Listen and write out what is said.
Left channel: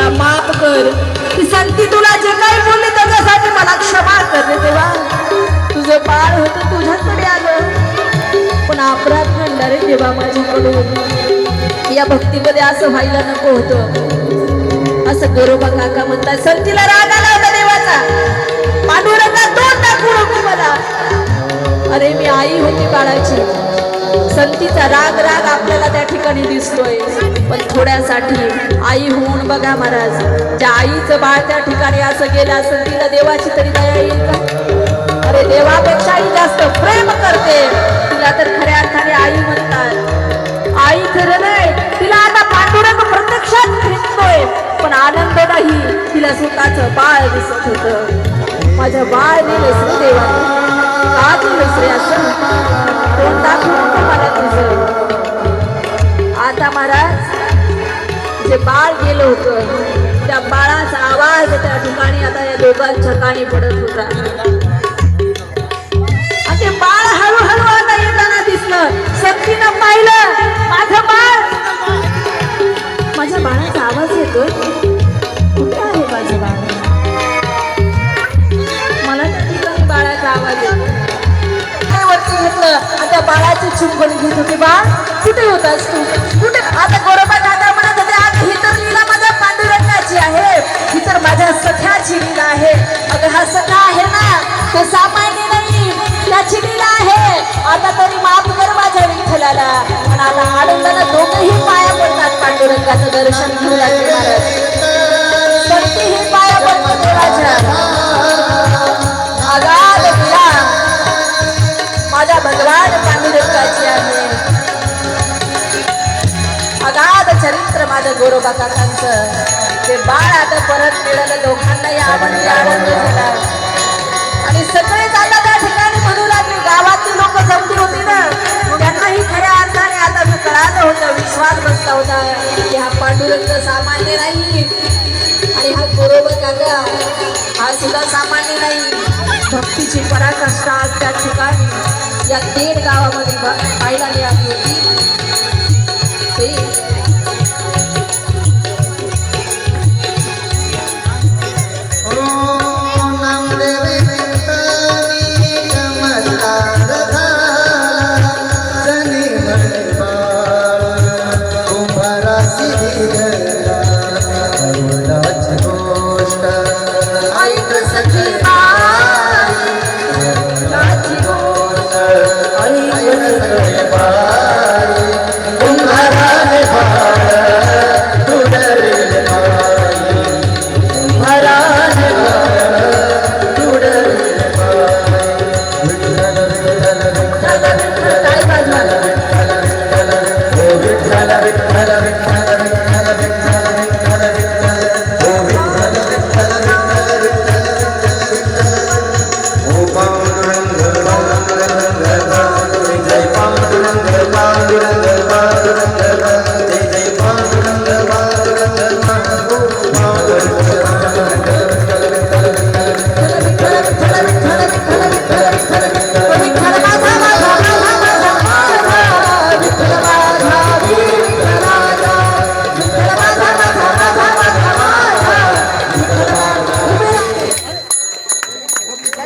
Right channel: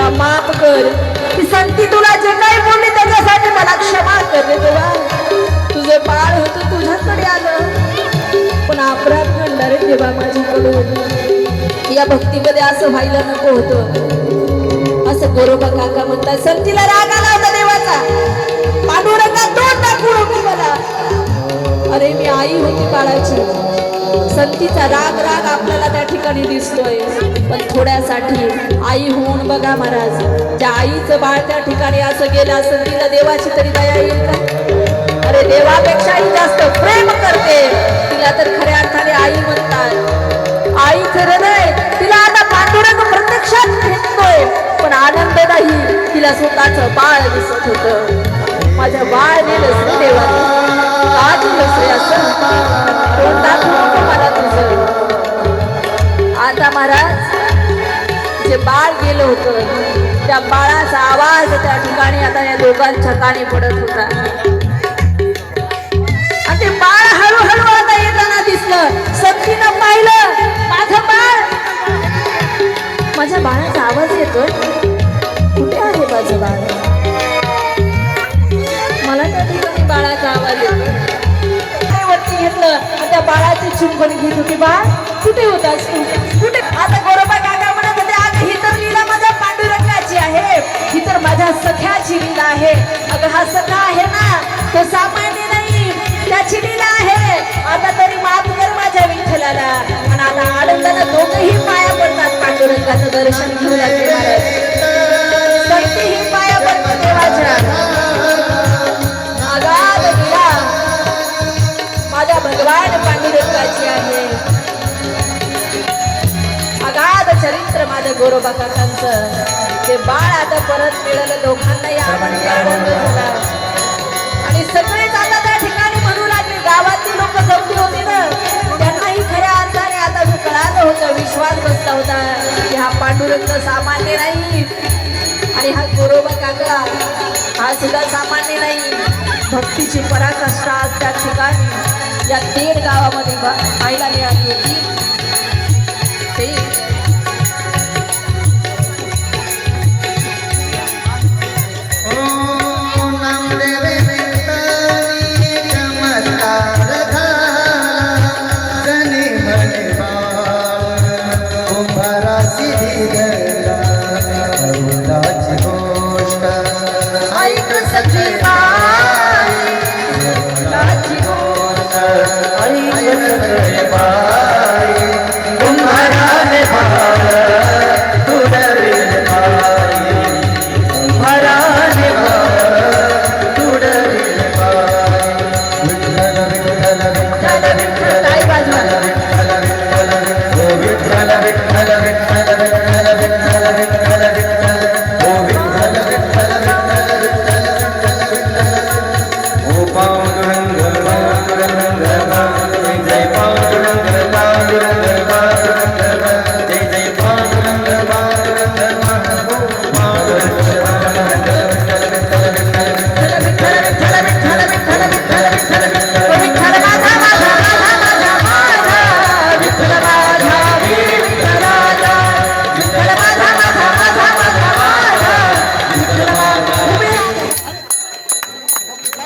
मला माफ कर, की संती तुला जे काही बोलले त्याच्यासाठी मला क्षमा कर रे देवा. तुझं बाळ होतं तुझ्याकडे आलं, पण अपराध घडला रे देवा माझ्याकडून. या भक्तीमध्ये असं व्हायला नको होतं. असं गोरोबा काका म्हणतात, संतीला राग आला होता देवाचा, पांडुरंगा तोंड दाखवून होती मला. अरे मी आई होती बाळाची. संतीचा राग राग आपल्याला त्या ठिकाणी दिसतोय, पण थोड्यासाठी आई होऊन बघा महाराज. ज्या आईचं बाळ त्या ठिकाणी असं गेलं असं, तिला देवाची तरी दया येईल का? अरे देवापेक्षाही जास्त प्रेम करते तिला, तर खऱ्या अर्थाने आई म्हणतात. आई खरं नाही, तिला आता पांडुरंग प्रत्यक्षात भेटतोय, पण आनंद नाही. तिला स्वतःचं बाळ दिसत होतं. माझं बाळ नेलं देवा, आज रे असं तोंड दाखवू मला तुझं. आता महाराज जे बाळ गेलं होतं, त्या बाळाचा आवाज त्या ठिकाणी आता या दोघांच्या कानी पडत होता. आणि ते बाळ हळूहळू आता येताना दिसलं. संतीनं पाहिलं, माझं बाळ, माझ्या बाळाचा आवाज येतोय. कुठे आहे माझं बाळ? मला त्या ठिकाणी बाळाचा आवाज येतो. वरती घेतलं आणि त्या बाळाची चुंबन घेत होती. बाळ कुठे होतास तू? कुठे? आता गोरोबा काका म्हणत होते, आज ही तर लीला माझ्या पांडुरंगाची आहे, ही तर माझ्या सख्याची लीला आहे. अगं हा सखा आहे ना, तो सामान्य नाही, त्याची लीला आहे. आता तरी माफ कर माझ्या विठ्ठलाला. आणि आता आनंदानं दोघंही पाया पडतात, पांडुरंगाचं दर्शन घेऊ लागले महाराज. संतीही पाया पडतो माझ्या. आगाध लीला माझ्या भगवान पांडुरंगाची आहे. अगाध चरित्र माझ्या गोरोबा काकांचं. ते बाळ आता परत मिळालं, दोघांनाही आनंद झाला. आणि सगळेच आता त्या ठिकाणी म्हणू लागले, गावातली लोक जमली होती ना, त्यांनाही खऱ्या अर्थाने आता कळालं होतं, विश्वास बसला होता की हा पांडुरंग सामान्य